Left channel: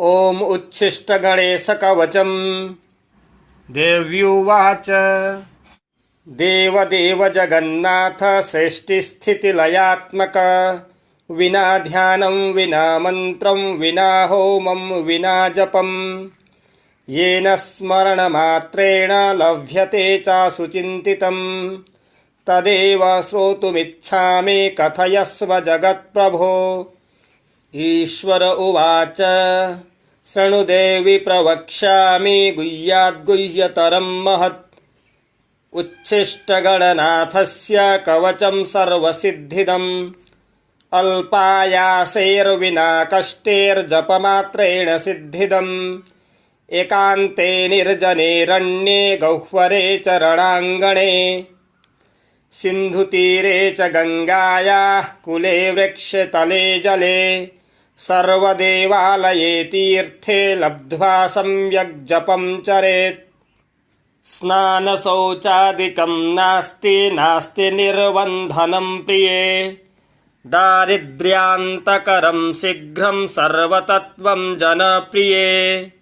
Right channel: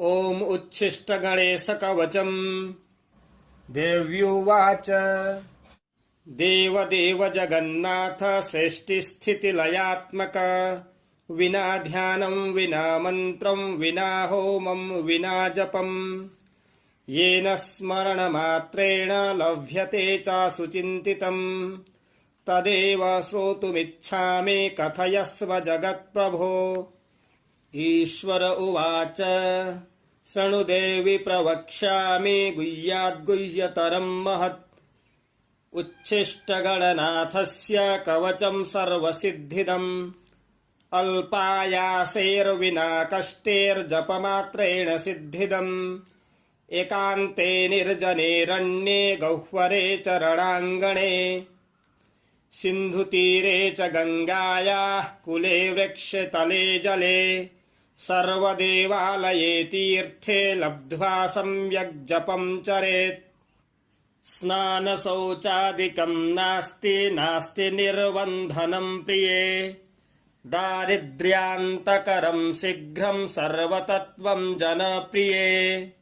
ॐ उच्छिष्टगणेशकवचम्। देव्युवाच देवदेव जगन्नाथ सृष्टिस्थितिलयात्मक, विना ध्यानं विना मन्त्रं विना होमं विना जपं, येन स्मरणमात्रेण लभ्यते चासुचिन्तितं, तदेव श्रोतुमिच्छामि कथयस्व जगत्प्रभो। ईश्वर उवाच शृणु देवि प्रवक्ष्यामि गुह्याद्गुह्यतरं महत्। उच्छिष्टगणनाथस्य कवचं सर्वसिद्धिदम्, अल्पायासेर्विना कष्टेर्जपमात्रेण सिद्धिदम्, एकान्ते निर्जनेरण्ये गह्वरे चरणाङ्गणे, सिन्धुतीरे च गङ्गायाः कुले वृक्षतले जले, सर्वदेवालये तीर्थे लब्ध्वा सम्यक् जपं चरेत्। स्नानशौचादिकं नास्ति निर्बन्धनं प्रिये, दारिद्र्यान्तकरं शीघ्रं सर्वतत्त्वं जनप्रिये,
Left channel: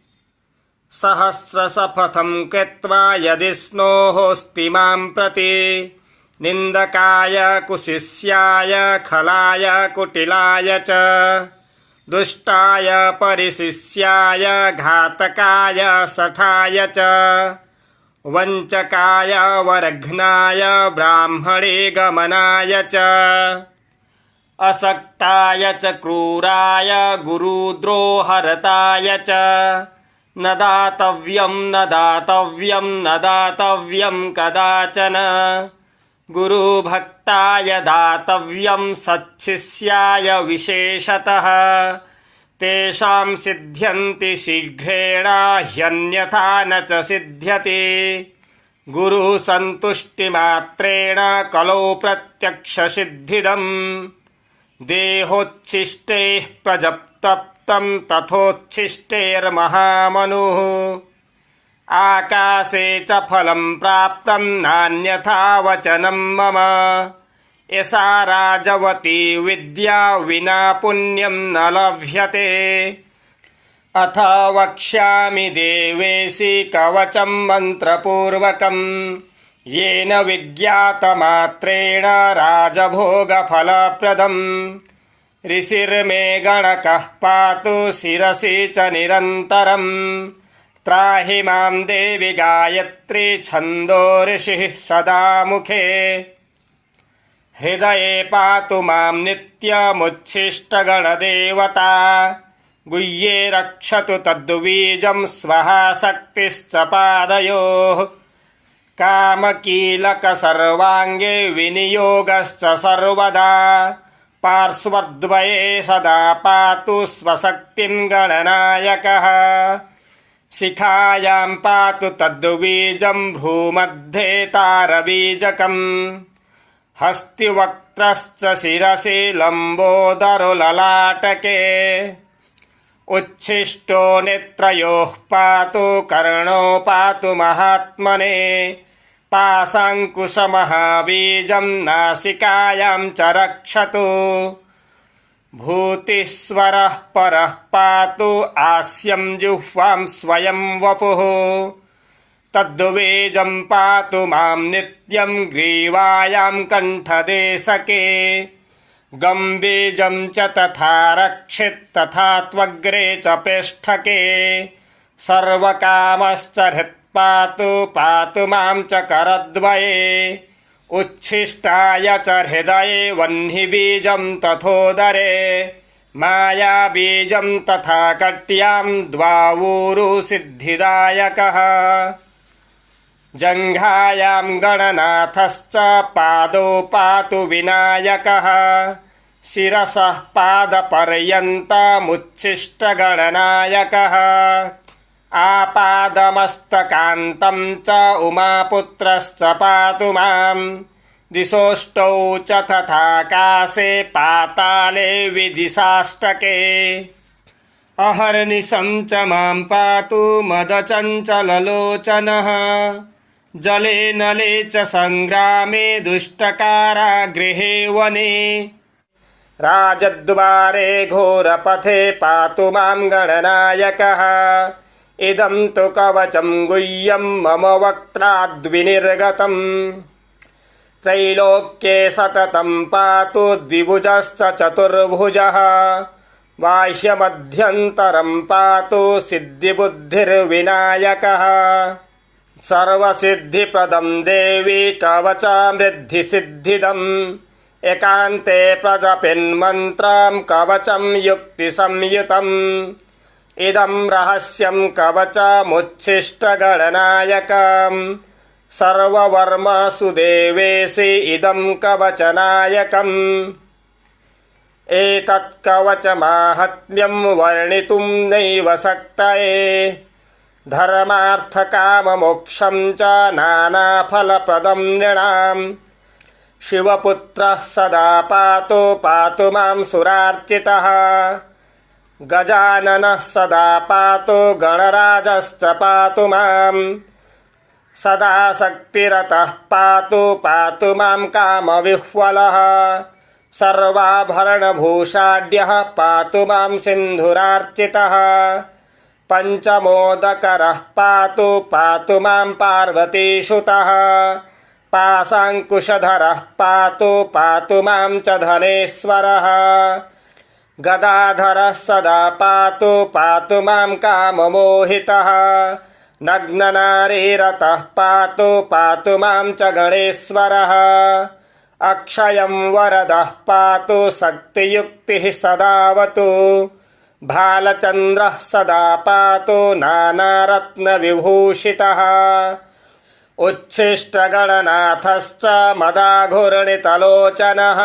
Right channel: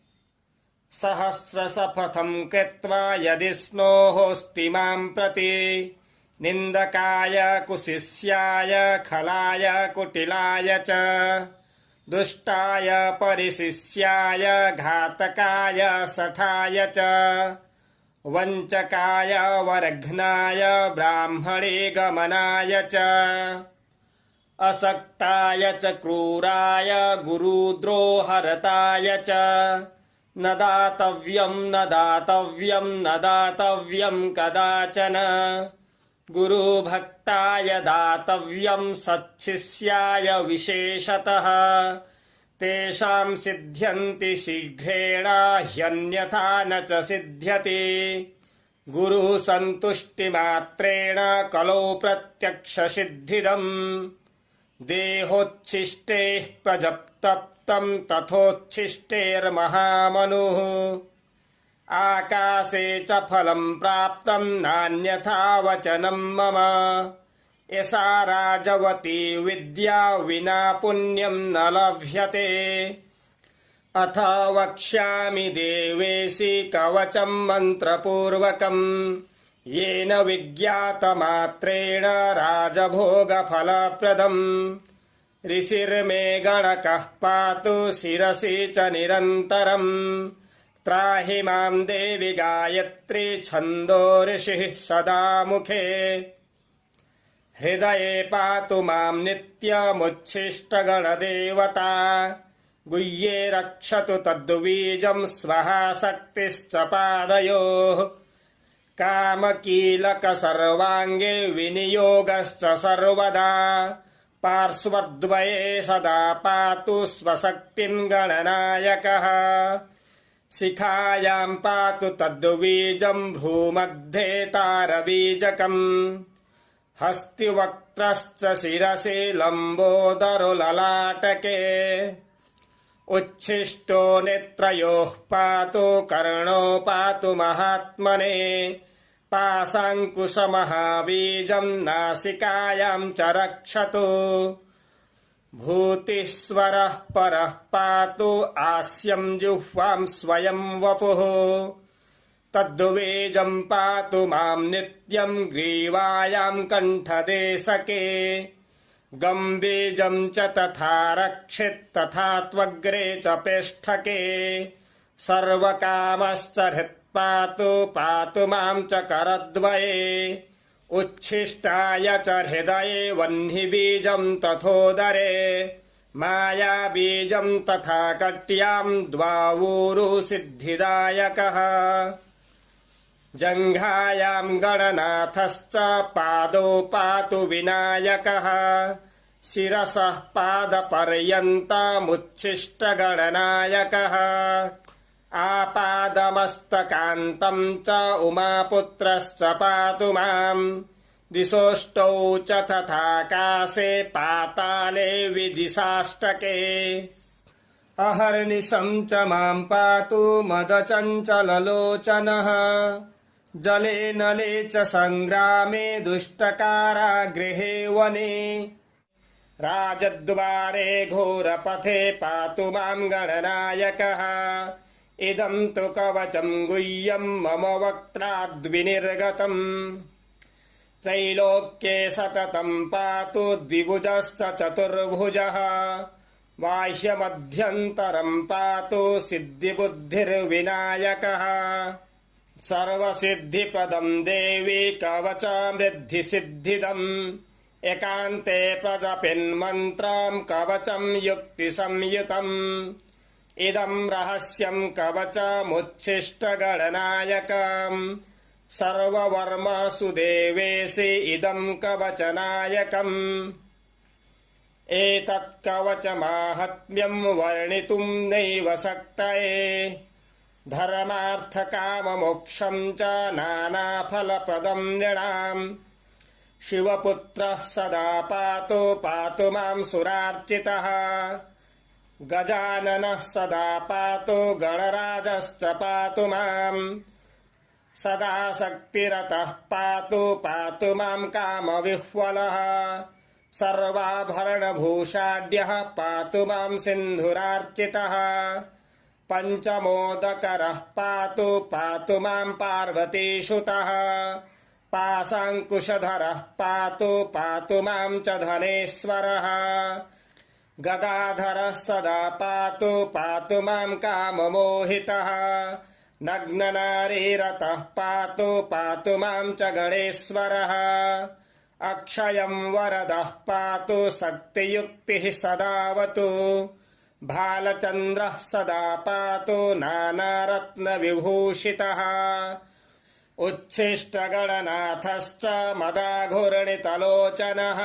सहस्रशपथं कृत्वा यदि स्नोहोऽस्ति मां प्रति, निन्दकाय कुशिष्याय खलाय कुटिलाय च, दुष्टाय परिशिष्याय घातकाय शठाय च, वञ्चकाय वर्घ्नाय ब्राह्मणे गमनाय च, असक्ताय च क्रूराय गुरुद्रोहरताय च, न दातव्यं न दातव्यं न दातव्यं कदाचन, गुरुभक्ताय दातव्यं सच्छिष्याय विशेषतः, तेषां सिद्ध्यन्ति शीघ्रेण ह्यन्यथा न च सिद्ध्यति, गुरुसन्तुष्टिमात्रेण कलौ प्रत्यक्षसिद्धिदम्, देहोच्छिष्टैः प्रजप्तप्तं तथोच्छिष्टैर्महामनुः, आकाशे च फलं प्राप्तं नान्यथा वचनं मम, यसा राजवती विद्या विना पुण्यं न लभ्यते। अथ वक्ष्यामि देवेशि कवचं मन्त्रपूर्वकं, येन विज्ञातमात्रेण राजभोगफलप्रदम्, ऋषिर्मे गणकः पातु शिरसि च निरन्तरम्, त्राहि मां देवि गायत्री छन्दो ऋषिः सदा मुखे, हृदये पातु मां नित्यमुच्छिष्टगणदेवता, गुह्ये रक्षतु तद्बीजं स्वहा शक्तिश्च पादयोः, कामकीलकसर्वाङ्गे विनियोगश्च सर्वदा, पार्श्वद्वये सदा पातु स्वशक्तिं गणनायकः, शिखायां पातु तद्बीजं भ्रूमध्ये तारबीजकम्, हस्तिवक्त्रश्च शिरसि लम्बोदरो ललाटके, उच्छिष्टो नेत्रयोः पातु कर्णो पातु महात्मने, पाशाङ्कुशमहाबीजं नासिकायां च रक्षतु, भूतिस्वरः परः पातु आस्यं जिह्वां स्वयं वपुः, तद्बीजं पातु मां नित्यं ग्रीवायां कण्ठदेशके, गम्बीजं च तथा रक्षित् तथा त्वग्रे च पेष्ठके, सर्वकामश्च हृत्पातु पातु मां च करद्वये, उच्छिष्टाय च हृदये वह्निबीजं तथोदरे, मायाबीजं तथा कट्यां द्वावूरु सिद्धिदायकः, जङ्घायां गणनाथश्च पादौ पातु विनायकः, शिरसः पादपर्यन्तमुच्छिष्टगणनायकः, आपादमस्तकान्तं च उमापुत्रश्च पातु मां, दिशोष्टौ च तथाकाशे पाताले विदिशाष्टके, अहर्निशं च मां पातु मदचञ्चललोचनः, जले नले च सङ्ग्रामे दुष्टकारागृहे वने, राजद्वारे घोरपथे पातु मां गणनायकः इदं तु कवचं गुह्यं मम वक्त्राद्विनिर्गतम् त्रैलोक्ये सततं पातु द्विभुजश्च चतुर्भुजः बाह्यमध्यन्तरं पातु सिद्धिबुद्धिर्विनायकः सर्वसिद्धिप्रदं देवी कवचामृद्धिसिद्धिदम् एकान्ते प्रजपिन्मन्त्रं कवचं युक्तिसंयुतम् इदं रहस्यं कवचमुच्छिष्टगणनायकम् सर्ववर्मसु देवेशि इदं कवचनायकम् एतत् कवचमाहात्म्यं वर्णितुं नैव शक्यते धर्मार्थकाममोक्षं च नानाफलप्रदं नृणाम् शिवपुत्रः सदा पातु मां सुरार्चितः गजाननः सदा पातु गणराजश्च पातु मां सदा शक्तिरतः पातु मां कामविह्वलः सर्वाभरणभूषाढ्यः पातु मां सिन्धुरार्चितः पञ्चमोदकरः पातु मां पार्वतीसुतः पाशाङ्कुशधरः पातु मां च धनेश्वरः गदाधरः सदा पातु मां काममोहितः नग्ननारीरतः पातु मां च गणेश्वरः अक्षयं वरदः पातु शक्तियुक्तिः सदावतु भालचन्द्रः सदा पातु नानारत्नविभूषितः उच्छिष्टगणनाथश्च मदाघूर्णितलोचनः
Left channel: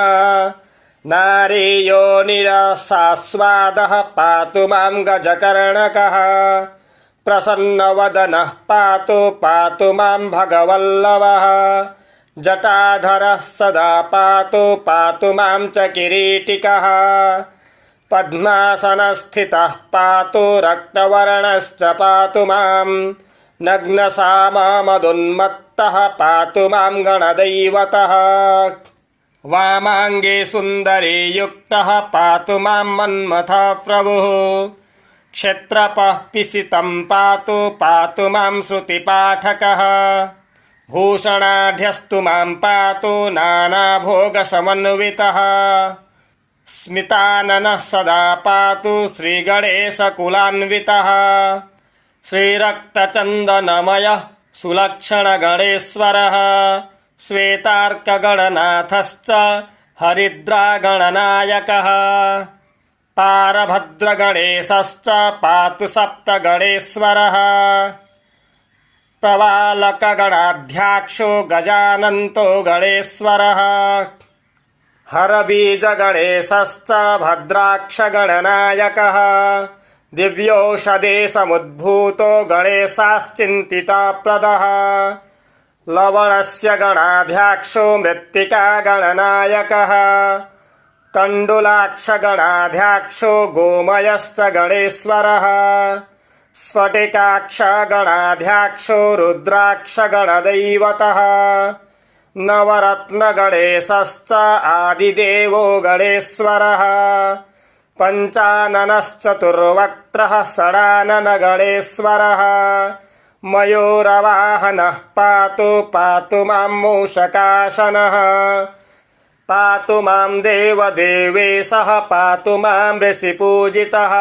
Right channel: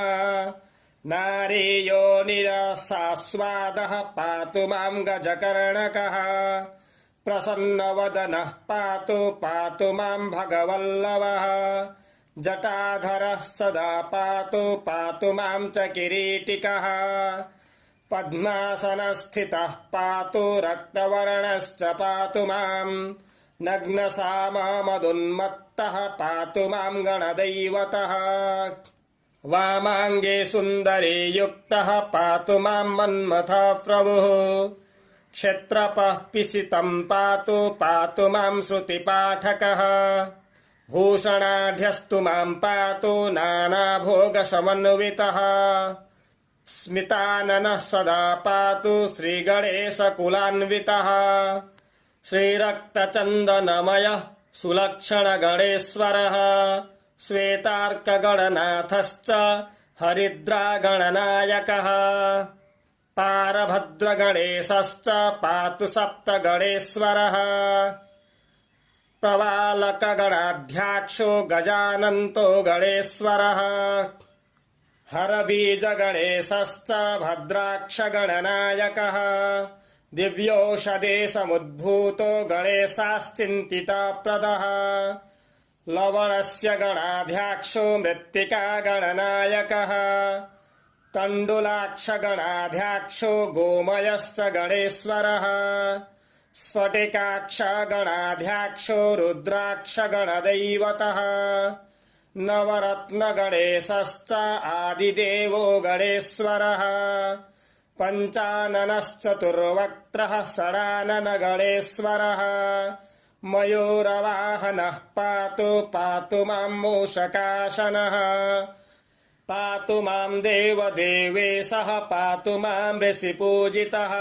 नारीयोनिरसास्वादः पातु मां गजकर्णकः प्रसन्नवदनः पातु मां भगवल्लभः जटाधरः सदा पातु मां च किरीटिकः पद्मासनस्थितः पातु रक्तवर्णश्च पातु मां नग्नसाममदुन्मत्तः पातु मां गणदैवतः वामाङ्गे सुन्दरी युक्तः पातु मां मन्मथः प्रभुः क्षत्रपः पिसितं पातु मां श्रुतिपाठकः भूषणाढ्यस्तु मां पातु नानाभोगसमन्वितः स्मिताननः सदा पातु श्रीगणेशकुलान्वितः श्रीरक्तचन्दनमयः सुलक्षणगणेश्वरः श्वेतार्कगणनाथश्च हरिद्रागणनायकः पारभद्रगणेशश्च पातु सप्तगणेश्वरः प्रवालकगणाध्यक्षो गजानन्तो गणेश्वरः हरबीजगणेशश्च भद्राक्षगणनायकः दिव्यौषधे समुद्भूतो गणेशाश्चिन्तितप्रदः लवणस्य गणाध्यक्षो मृत्तिकागणनायकः तण्डुलाक्षगणाध्यक्षो गोमयश्च गणेश्वरः स्फटिकाक्षगणाध्यक्षो रुद्राक्षगणदैवतः नवरत्नगणेशश्च आदिदेवो गणेश्वरः पञ्चाननश्चतुर्वक्त्रः षडाननगणेश्वरः मयूरवाहनः पातु मां मूषकाशनः पातु मां देवदेवेशः पातु मां ऋषिपूजितः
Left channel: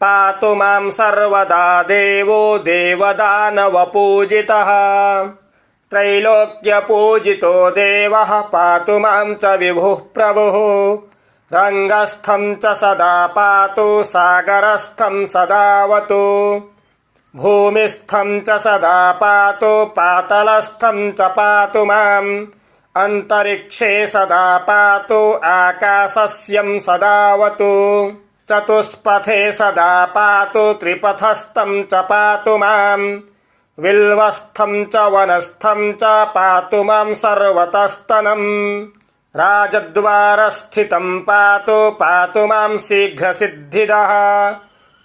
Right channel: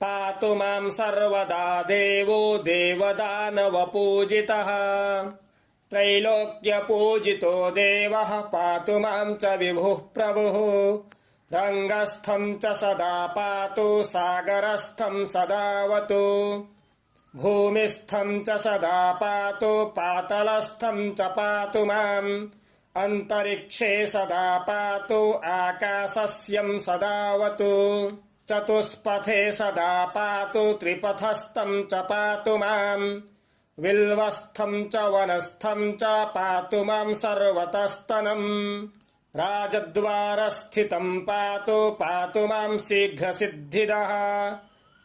पातु मां सर्वदा देवो देवदानवपूजितः त्रैलोक्यपूजितो देवः पातु मां च विभुः प्रभुः रङ्गस्थं च सदा पातु सागरस्थं सदावतु भूमिस्थं च सदा पातु पातलस्थं च पातु माम् अन्तरिक्षे सदा पातु आकाशस्यं सदावतु चतुष्पथे सदा पातु त्रिपथस्थं च पातु माम् विल्वस्थं च वनस्थं च पातु मां सर्वतस्तनम् राजद्वारस्थितं पातु मां शीघ्रसिद्धिदः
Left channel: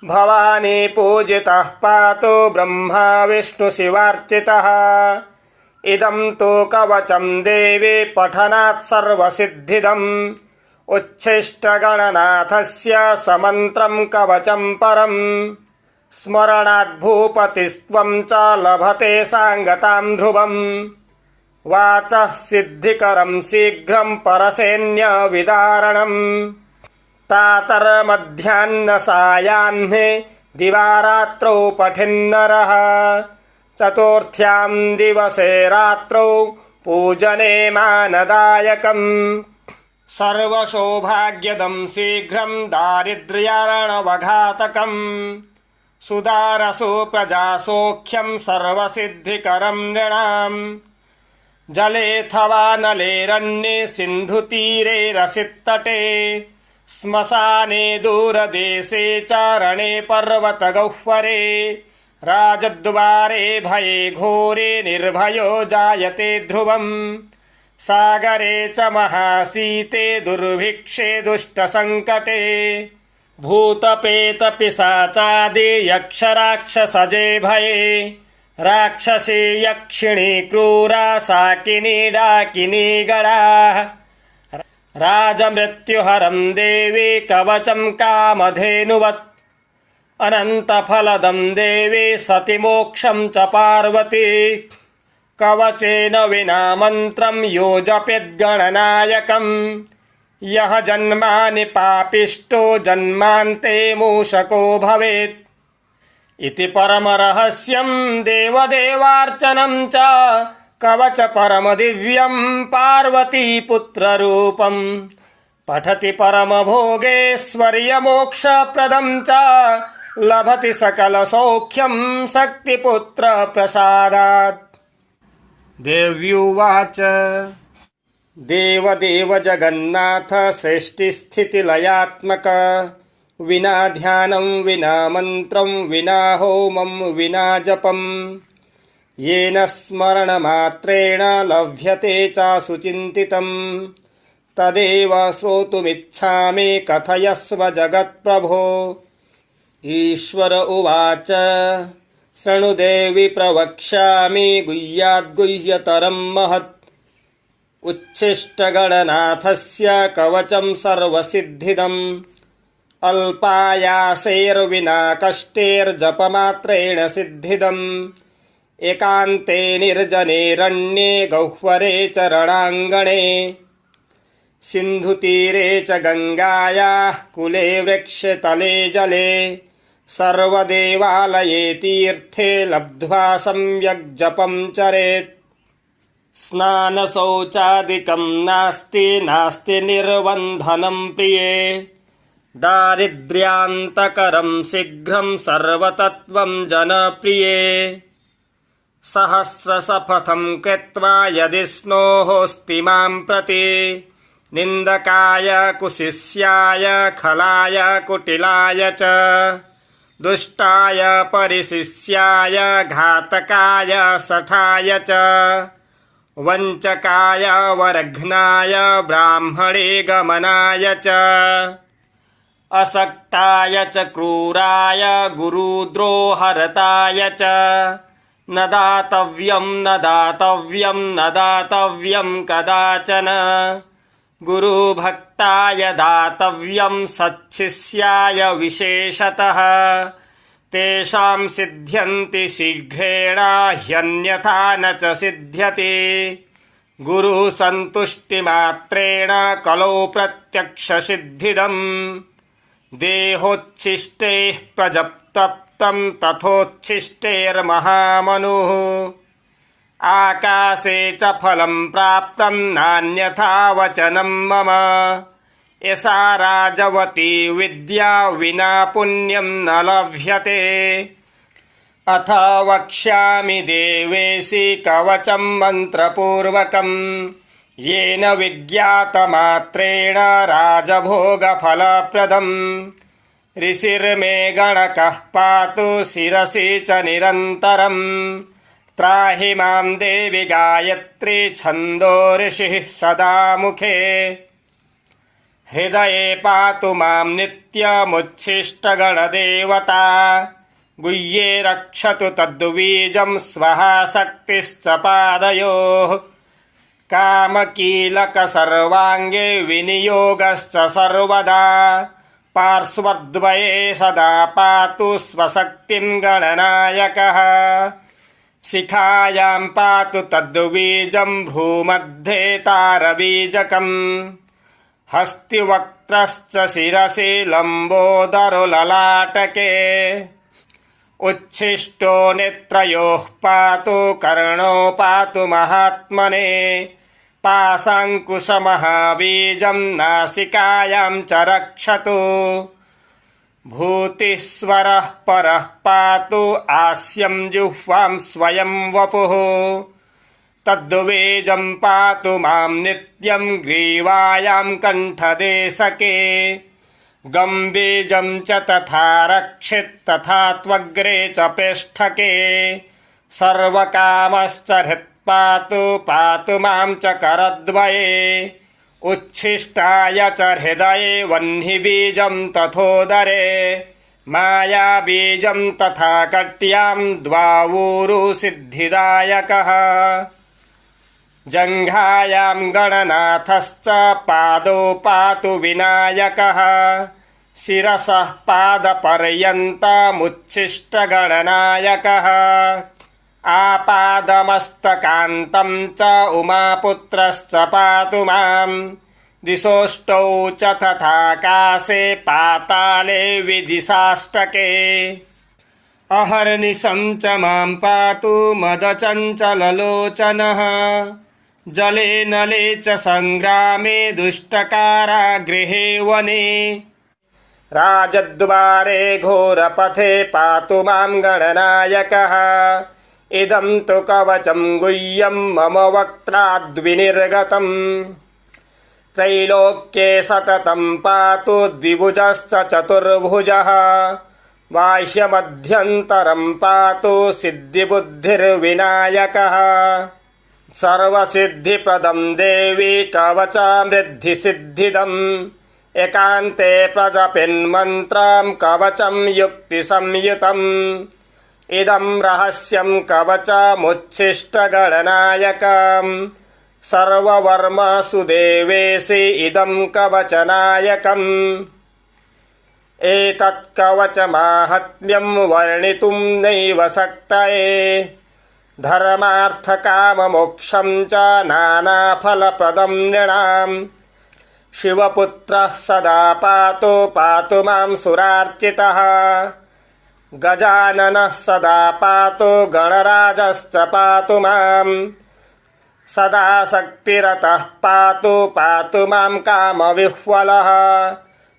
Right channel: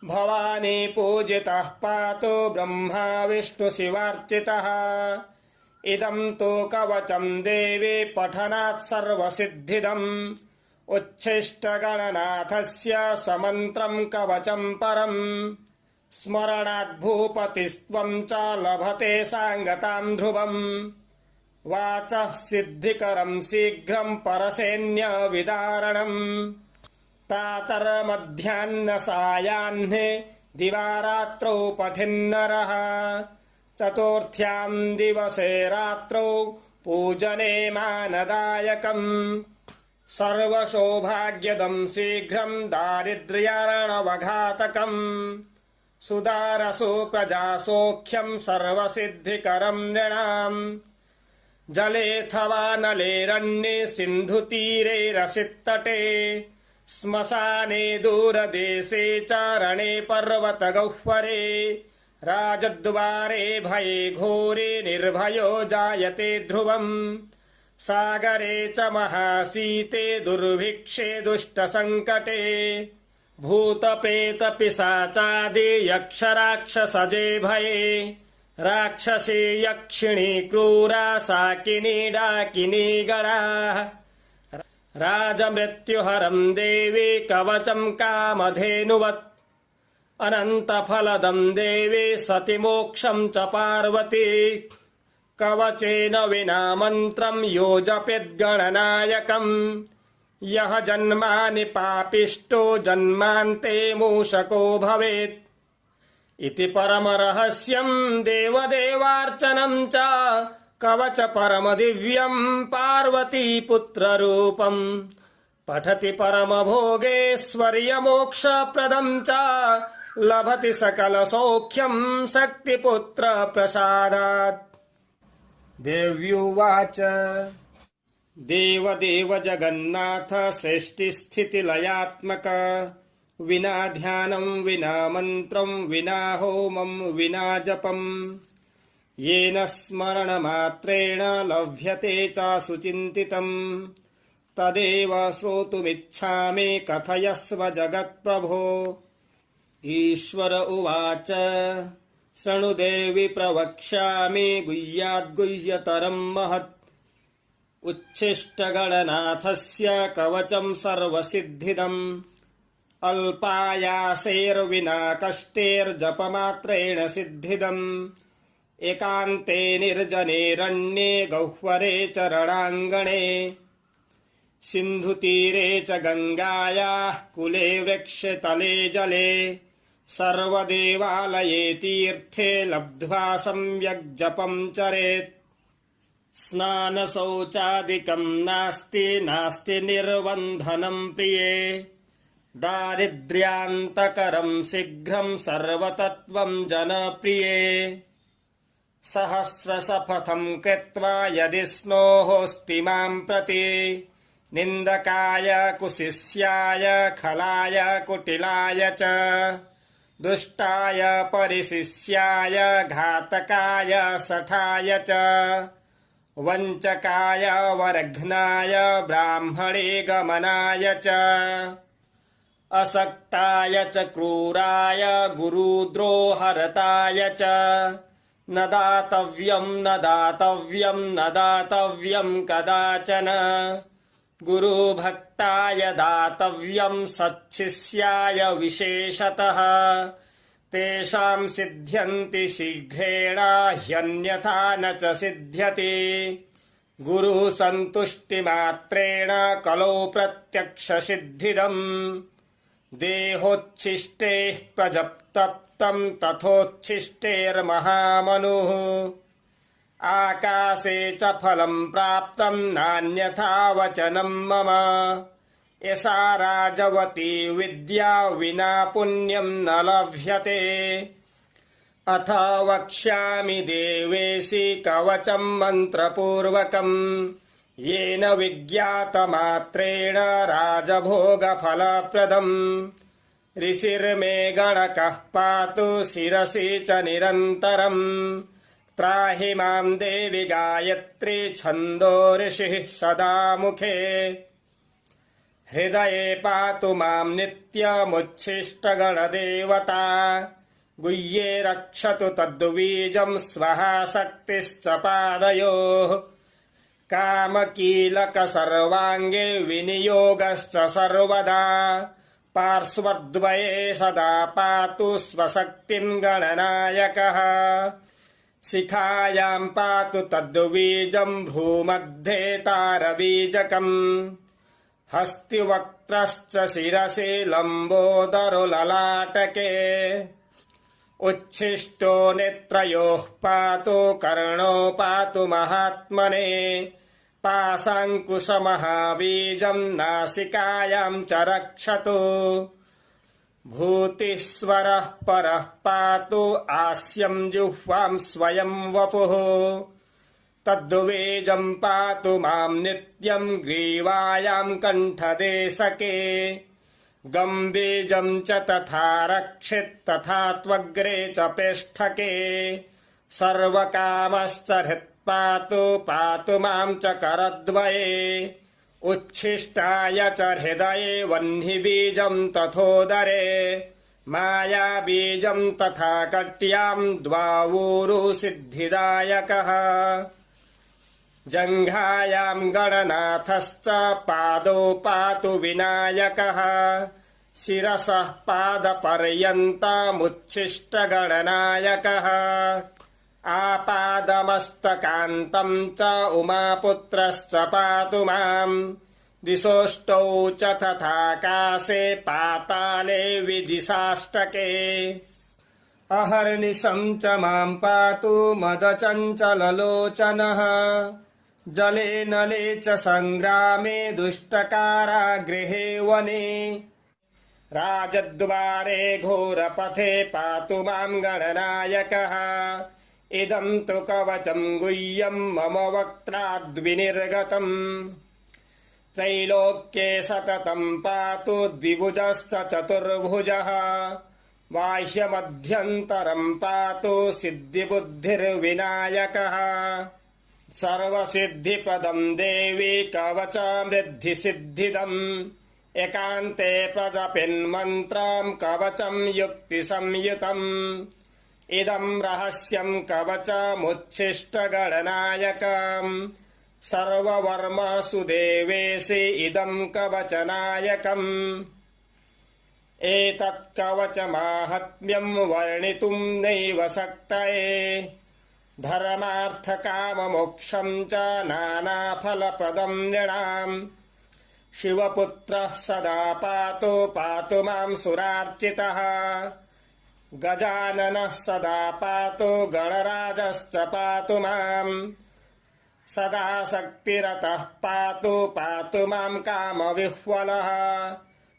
भवानी पूजितः पातु ब्रह्मा विष्णुशिवार्चितः इदं तु कवचं देवी पठनात् सर्वसिद्धिदम् उच्छिष्टगणनाथस्य समन्त्रं कवचं परम् स्मरणाद्भूपतिस्त्वं च लभते साङ्गतां ध्रुवम् वाचः सिद्धिकरं शीघ्रं परसैन्यविदारणम् प्रातर्मध्याह्नसायाह्ने दिवारात्रौ पठिन्नरः चतुर्थ्यां दिवसे रात्रौ पूजने मानदायकम् सर्वसौभाग्यदं शीघ्रं दारिद्र्यार्णवघातकम् सुदारसो प्रजासौख्यं सर्वसिद्धिकरं नृणाम् जलेऽथवा नलेरण्ये सिन्धुतीरे रसितटे श्मशाने दूरदेशे चारणे पर्वतगह्वरे राजद्वारे भये घोरे निर्भयो जायते ध्रुवम् सागरे च महाशीते दुर्भिक्षे दुष्टसङ्कटे भूतप्रेतपिशाचादि यक्षराक्षसजे भये राक्षसी यक्षिणी क्रूरा साकिनी डाकिनी गणाः राजमृत्युहरं देवी कवचं कामधेनुवत् अनन्तफलदं देवी सति मोक्षं च पार्वती कवचेन विना मन्त्रं यो जपेद्गणनायकम् यः जन्मानि पापिष्टो जन्मान्ते मूषको भवेत् इति परमरहस्यं देवदेवार्चनं च कवच परमदिव्यं पार्वतीपुत्ररूपं पठति परमभोगेश्वर्यमोक्षप्रदं च लभति सकलसौख्यं शक्तिपुत्रप्रसादात्। देव्युवाच देवदेव जगन्नाथ सृष्टिस्थितिलयात्मक विना ध्यानं विना मन्त्रं विना होमं विना जपं येन स्मरणमात्रेण लभ्यते चासुचिन्तितं तदेव श्रोतुमिच्छामि कथयस्व जगत्प्रभो। ईश्वर उवाच शृणुदेवि प्रवक्ष्यामि गुह्याद्गुह्यतरं महत् उच्छिष्टगणनाथस्य कवचं सर्वसिद्धिदम् अल्पायासेर्विना कष्टेर्जपमात्रेण सिद्धिदम् एकान्ते निर्जनेरण्ये गह्वरे च रणाङ्गणे सिन्धुतीरे च गङ्गायाः कुले वृक्षतले जले सर्वदेवालये तीर्थे लब्ध्वा सम्यक् जपं चरेत् स्नानशौचादिकं नास्ति निर्वन्धनं प्रिये दारिद्र्यान्तकरं शीघ्रं सर्वतत्त्वं जनप्रिये सहस्रशपथं कृत्वा यदि स्नोहोऽस्ति मां प्रति निन्दकाय कुशिष्याय खलाय कुटिलाय च दुष्टाय परिशिष्याय घातकाय शठाय च वञ्चकाय वरघ्नाय ब्राह्मणे गमनाय च असक्ताय च क्रूराय गुरुद्रोहरताय च न दातव्यं कदाचन गुरुभक्ताय दातव्यं सच्छिष्याय विशेषतः तेषां सिद्ध्यन्ति शीघ्रेण ह्यन्यथा न च सिद्ध्यति गुरुसन्तुष्टिमात्रेण कलौ प्रत्यक्षसिद्धिदम् देहोच्छिष्टैः प्रजप्तप्तं तथोच्छिष्टैर्महामनुः आकाशे च फलं प्राप्तं नान्यथा वचनं मम एषा राजवती विद्या विना पुण्यं न लभ्यते अथ वक्ष्यामि देवेशि कवचं मन्त्रपूर्वकम् येन विज्ञातमात्रेण राजभोगफलप्रदम् ऋषिर्मे गणकः पातु शिरसि च निरन्तरम् त्राहि मां देवि गायत्री छन्दो ऋषिः सदा मुखे हृदये पातु मां नित्यमुच्छिष्टगणदेवता गुह्ये रक्षतु तद्बीजं स्वः शक्तिश्च पादयोः कामकीलक सर्वाङ्गे विनियोगश्च सर्वदा पार्श्वद्वये सदा पातु स्वशक्तिं गणनायकः शिखायां पातु तद्बीजं भ्रूमध्ये तारबीजकम् हस्तिवक्त्रश्च शिरसि लम्बोदरो ललाटके उच्छिष्टो नेत्रयोः पातु कर्णो पातु महात्मने पाशाङ्कुशमहाबीजं नासिकायां च रक्षतु भूतिस्वरः परः पातु आस्यं जिह्वां स्वयं वपुः तद्बीजं पातु मां नित्यं ग्रीवायां कण्ठदेशके गम्बीजं च तथा रक्षित् तथा त्वग्रे च पेष्ठके सर्वकामश्च हृत्पातु पातु मां च करद्वये उच्छिष्टाय च हृदये वह्निबीजं तथोदरे मायाबीजं तथा कट्यां द्वावूरु सिद्धिदायकः जङ्घायां गणनाथश्च पादौ पातु विनायकः शिरसः पादपर्यन्तमुच्छिष्टगणनायकः आपादमस्तकान्तं च उमापुत्रश्च पातु मां दिशोष्टौ च तथाकाशे पाताले विदिशाष्टके अहर्निशं च मां पातु मदचञ्चललोचनः जले नले च सङ्ग्रामे दुष्टकारागृहे वने राजद्वारे घोरपथे पातु मां गणनायकः इदं तु कवचं गुह्यं मम वक्त्राद्विनिर्गतम् त्रैलोक्ये सततं पातु द्विभुजश्च चतुर्भुजः बाह्यमध्यन्तरं पातु सिद्धिबुद्धिर्विनायकः सर्वसिद्धिप्रदं देवी कवचामृद्धिसिद्धिदम् एकान्ते प्रजपिन्मन्त्रं कवचं युक्तिसंयुतम् इदं रहस्यं कवचमुच्छिष्टगणनायकम् सर्ववर्मसु देवेशि इदं कवचनायकम् एतत् कवचमाहात्म्यं वर्णितुं नैव शक्तये धर्मार्थकाममोक्षं च नानाफलप्रदं नृणाम् शिवपुत्रः सदा पातु मां सुरार्चितः गजाननः सदा पातु गणराजश्च पातु मां सदा शक्तिरतः पातु मां कामविह्वलः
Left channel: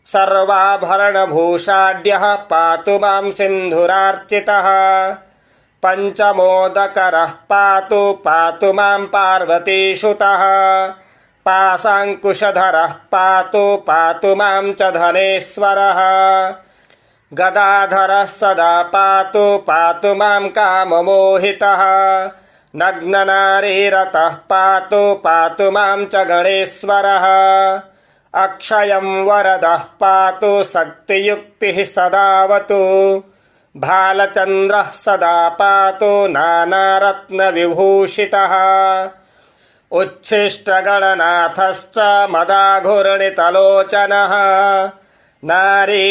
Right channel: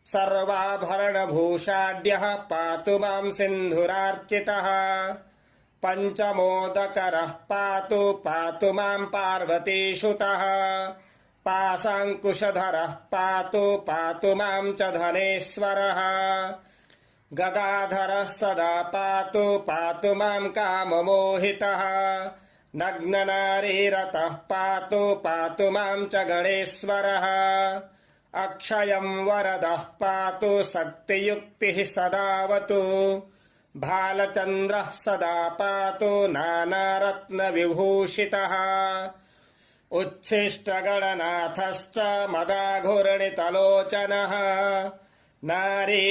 सर्वाभरणभूषाढ्यः पातु मां सिन्धुरार्चितः पञ्चमोदकरः पातु मां पार्वतीसुतः पाशाङ्कुशधरः पातु मां च धनेश्वरः गदाधरः सदा पातु मां काममोहितः नग्ननारीरतः पातु मां च गणेश्वरः अक्षयं वरदः पातु शक्तियुक्तिः सदावतु भालचन्द्रः सदा पातु नानारत्नविभूषितः उच्छिष्टगणनाथश्च मदाघूर्णितलोचनः नारीयोनिरसास्वादः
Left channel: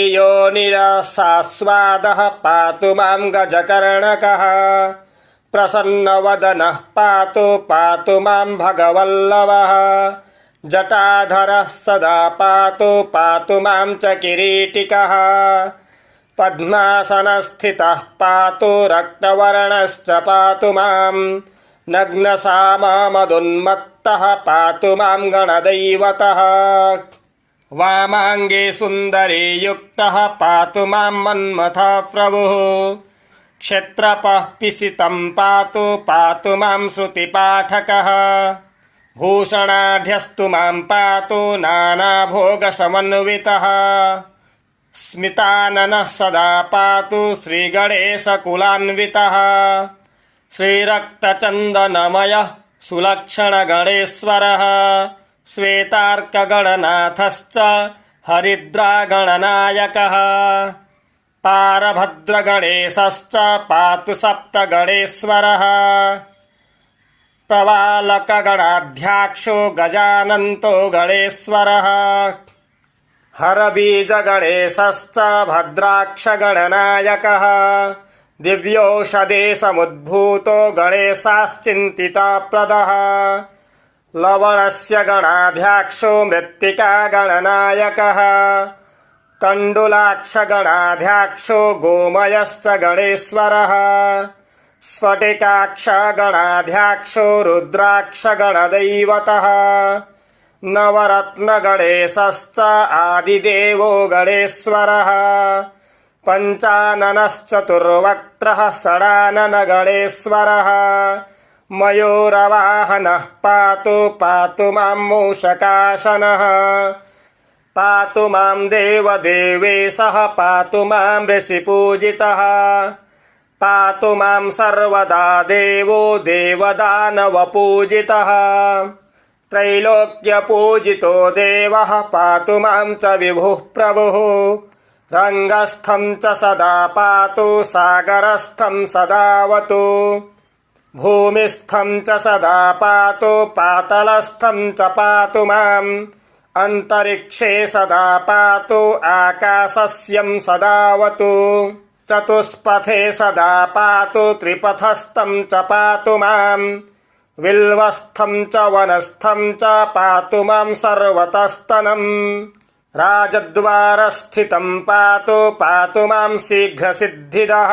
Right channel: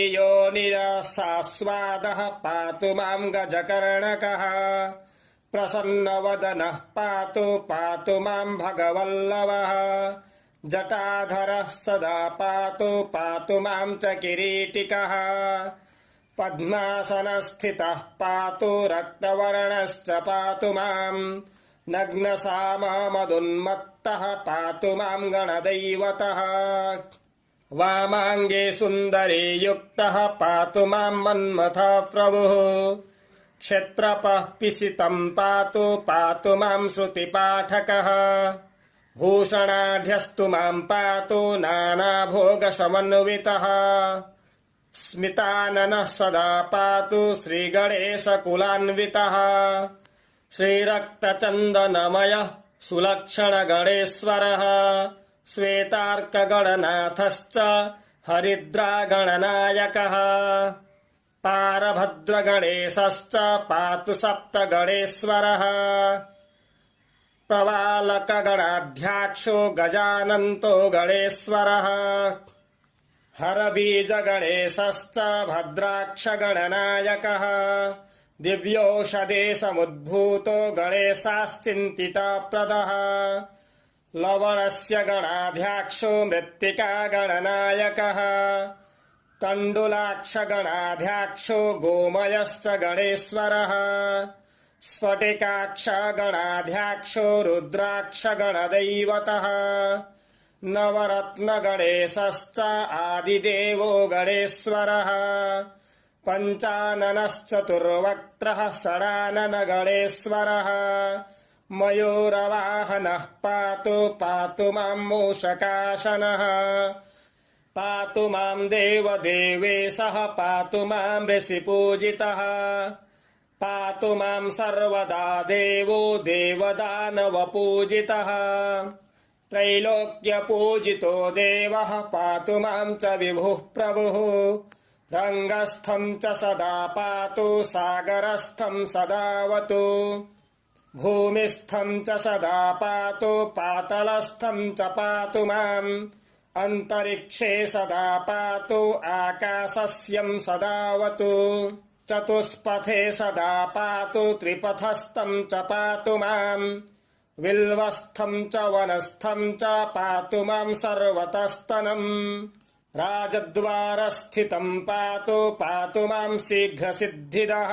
पातु मां गजकर्णकः प्रसन्नवदनः पातु मां भगवल्लभः जटाधरः सदा पातु मां च किरीटिकः पद्मासनस्थितः पातु रक्तवर्णश्च पातु मां नग्नसाममदुन्मत्तः पातु मां गणदैवतः वामाङ्गे सुन्दरी युक्तः पातु मां मन्मथः प्रभुः क्षत्रपः पिसितं पातु मां श्रुतिपाठकः भूषणाढ्यस्तु मां पातु नानाभोगसमन्वितः स्मिताननः सदा पातु श्रीगणेशकुलान्वितः श्रीरक्तचन्दनमयः सुलक्षणगणेश्वरः श्वेतार्कगणनाथश्च हरिद्रागणनायकः पारभद्रगणेशश्च पातु सप्तगणेश्वरः प्रवालकगणाध्यक्षो गजानन्तो गणेश्वरः हरबीजगणेशश्च भद्राक्षगणनायकः दिव्योषधे समुद्भूतो गणेशाश्चिन्तिताप्रदः लवणस्य गणाध्यक्षो मृत्तिकागणनायकः तण्डुलाक्षगणाध्यक्षो गोमयश्च गणेश्वरः स्फटिकाक्षगणाध्यक्षो रुद्राक्षगणदैवतः नवरत्नगणेशश्च आदिदेवो गणेश्वरः पञ्चाननश्चतुर्वक्त्रः षडाननगणेश्वरः मयूरवाहनः पातु पातु मां मूषकाशनः पातु मां देवदेवेशः पातु मां ऋषिपूजितः पातु मां सर्वदा देवो देवदानवपूजितः त्रैलोक्यपूजितो देवः पातु मां च विभुः प्रभुः रङ्गस्थं च सदा पातु सागरस्थं सदावतु भूमिस्थं च सदा पातु पातलस्थं च पातु माम् अन्तरिक्षे सदा पातु आकाशस्यं सदावतु चतुष्पथे सदा पातु त्रिपथस्थं च पातु माम् विल्वस्थं च वनस्थं च पातु मां सर्वतस्तनम् राजद्वारस्थितं पातु पातु मां शीघ्रसिद्धिदः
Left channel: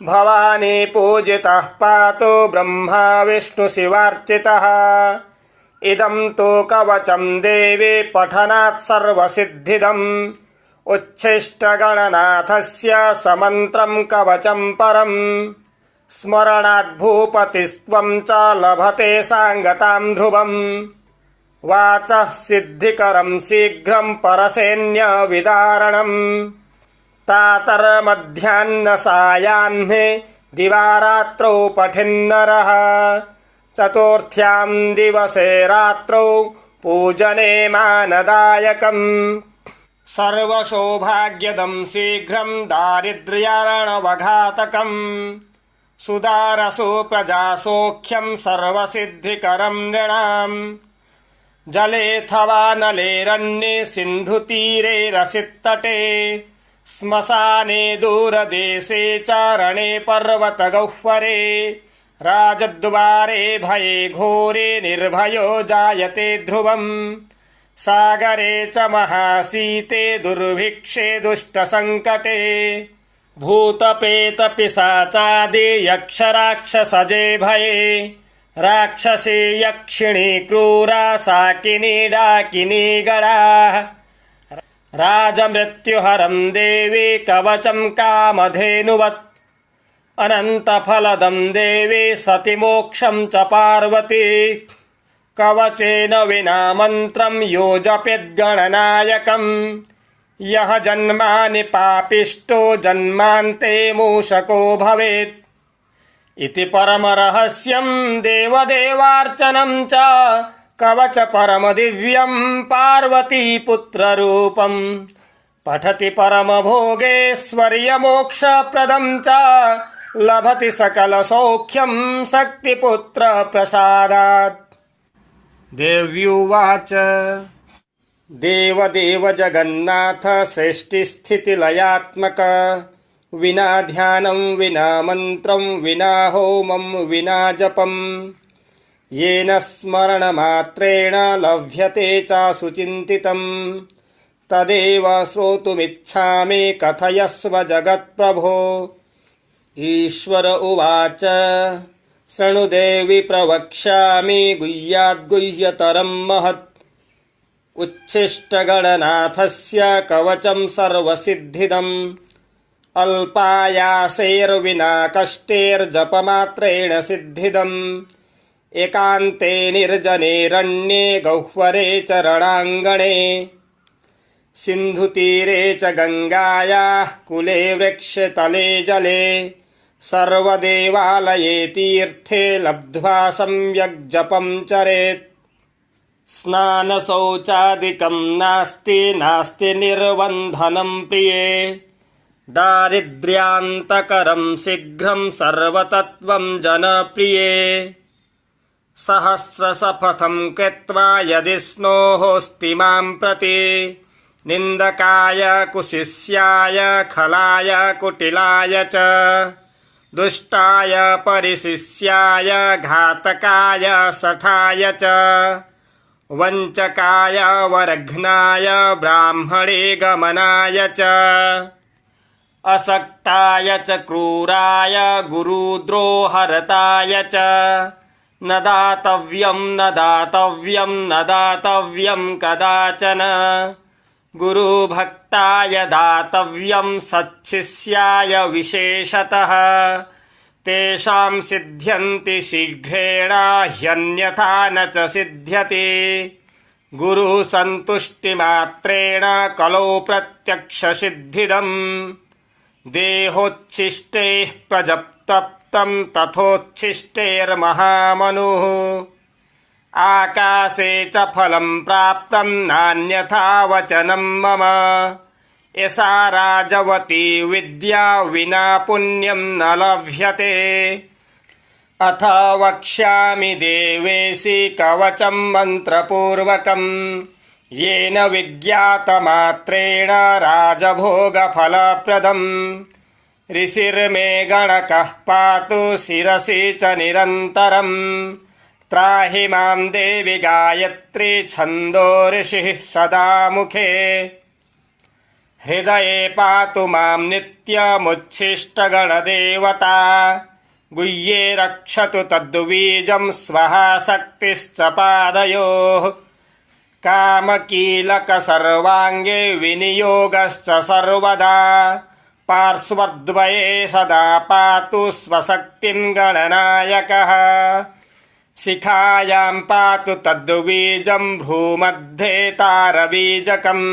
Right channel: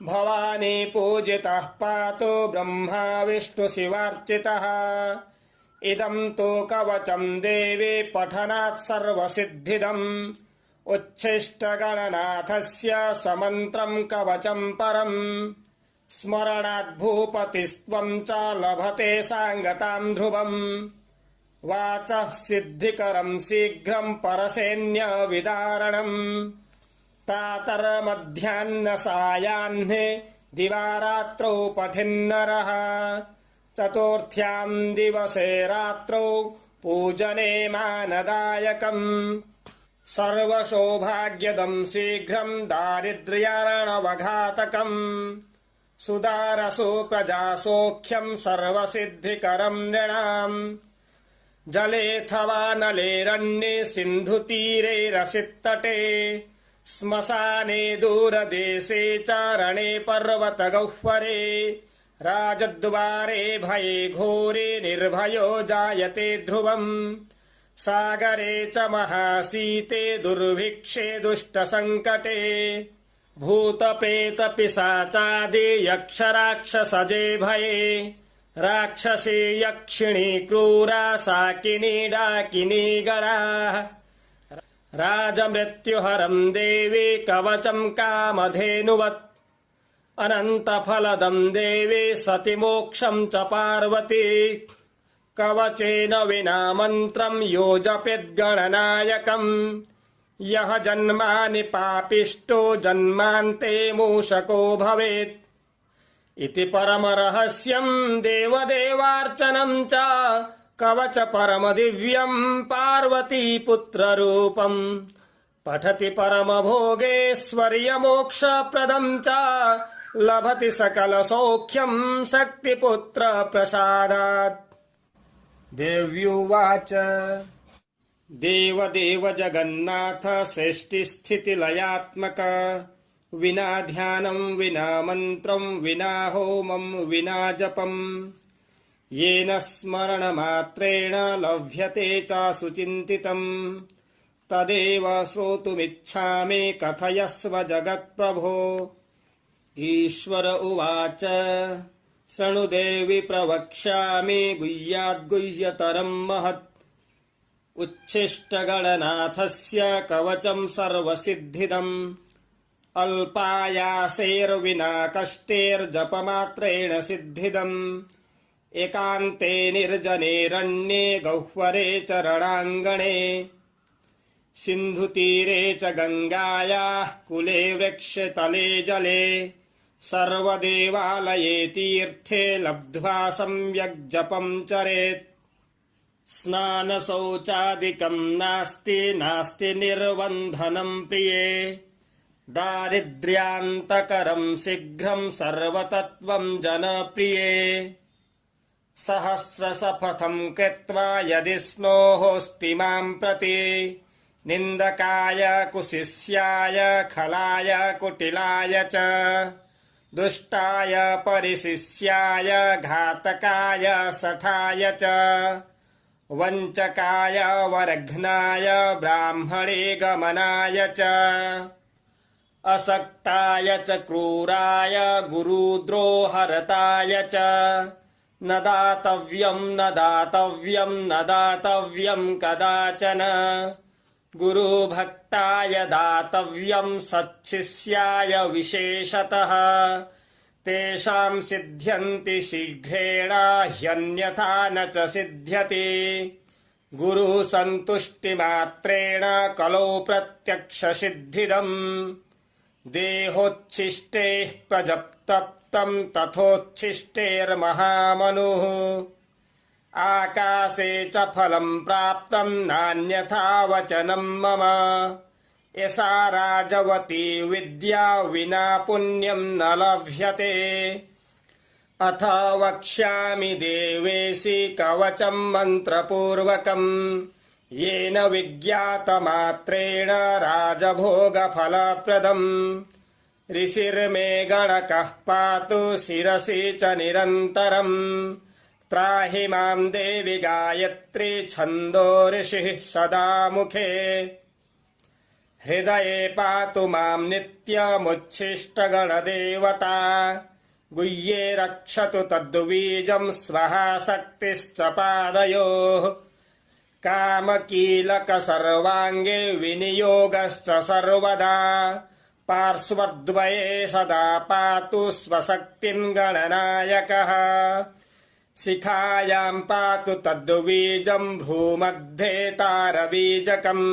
भवानी पूजितः पातु ब्रह्मा विष्णुशिवार्चितः इदं तु कवचं देवी पठनात् सर्वसिद्धिदम् उच्छिष्टगणनाथस्य समन्त्रं कवचं परम् स्मरणात् भूपतिस्त्वं च लभते साङ्गतां ध्रुवम् वाचः सिद्धिकरं शीघ्रं परसैन्यविदारणम् प्रातर्मध्याह्नसायाह्ने दिवारात्रौ पठिन्नरः चतुर्थ्यां दिवसे रात्रौ पूजने मानदायकम् सर्वसौभाग्यदं शीघ्रं दारिद्र्यार्णवघातकम् सुदारसु प्रजासौख्यं सर्वसिद्धिकरं नृणाम् जलेऽथवा नलेरण्ये सिन्धुतीरे रसितटे श्मशाने दूरदेशे चारणे पर्वतगह्वरे राजद्वारे भये घोरे निर्भयो जायते ध्रुवम् सागरे च महाशीते दुर्भिक्षे दुष्टसङ्कटे भूतपेतपिशाचादि यक्षराक्षसजे भये राक्षसी यक्षिणी क्रूरा साकिनी डाकिनी गणाः राजमृत्युहरं देवी कवचं कामधेनुवत् अनन्तफलदं देवी सतिमोक्षं च पार्वती कवचेन विना मन्त्रं यो जपेद्गणनायकम् यः जन्मानि पापिष्टो जन्मान्ते मूषको भवेत् इति परमरहस्यं देवदेवार्चनं च कवच परमदिव्यं पार्वतीपुत्ररूपं पठति परमभोगेश्वर्यमोक्षप्रदं च लभति सकलसौख्यं शक्तिपुत्रप्रसादात्। देव्युवाच देवदेव जगन्नाथ सृष्टिस्थितिलयात्मक विना ध्यानं विना मन्त्रं विना होमं विना जपं येन स्मरणमात्रेण लभ्यते चासुचिन्तितं तदेव श्रोतुमिच्छामि कथयस्व जगत्प्रभो। ईश्वर उवाच शृणु देवि प्रवक्ष्यामि गुह्याद्गुह्यतरं महत् उच्छिष्टगणनाथस्य कवचं सर्वसिद्धिदम् अल्पायासेर्विना कष्टेर्जपमात्रेण सिद्धिदम् एकान्ते निर्जनेरण्ये गह्वरे च रणाङ्गणे सिन्धुतीरे च गङ्गायाः कुले वृक्षतले जले सर्वदेवालये तीर्थे लब्ध्वा सम्यक् जपं चरेत्। स्नानशौचादिकं नास्ति निर्वन्धनं प्रिये दारिद्र्यान्तकरं शीघ्रं सर्वतत्त्वं जनप्रिये सहस्रशपथं कृत्वा यदि स्नोहोऽस्ति मां प्रति निन्दकाय कुशिष्याय खलाय कुटिलाय च दुष्टाय परिशिष्याय घातकाय शठाय च वञ्चकाय वरघ्नाय ब्राह्मणे गमनाय च असक्ताय च क्रूराय गुरुद्रोहरताय च न दातव्यं न दातव्यं न दातव्यं कदाचन गुरुभक्ताय दातव्यं सच्छिष्याय विशेषतः तेषां सिद्ध्यन्ति शीघ्रेण ह्यन्यथा न च सिद्ध्यति गुरुसन्तुष्टिमात्रेण कलौ प्रत्यक्षसिद्धिदम् देहोच्छिष्टैः प्रजप्तप्तं तथोच्छिष्टैर्महामनुः आकाशे च फलं प्राप्तं नान्यथा वचनं मम एषा राजवती विद्या विना पुण्यं न लभ्यते अथ वक्ष्यामि देवेशि कवचं मन्त्रपूर्वकं येन विज्ञातमात्रेण राजभोगफलप्रदम् ऋषिर्मे गणकः पातु शिरसि च निरन्तरम् त्राहि मां देवि गायत्री छन्दो ऋषिः सदा मुखे हृदये पातु मां नित्यमुच्छिष्टगणदेवता गुह्ये रक्षतु तद्बीजं स्वः शक्तिश्च पादयोः कामकीलक सर्वाङ्गे विनियोगश्च सर्वदा पार्श्वद्वये सदा पातु स्वशक्तिं गणनायकः शिखायां पातु तद्बीजं भ्रूमध्ये तारबीजकम्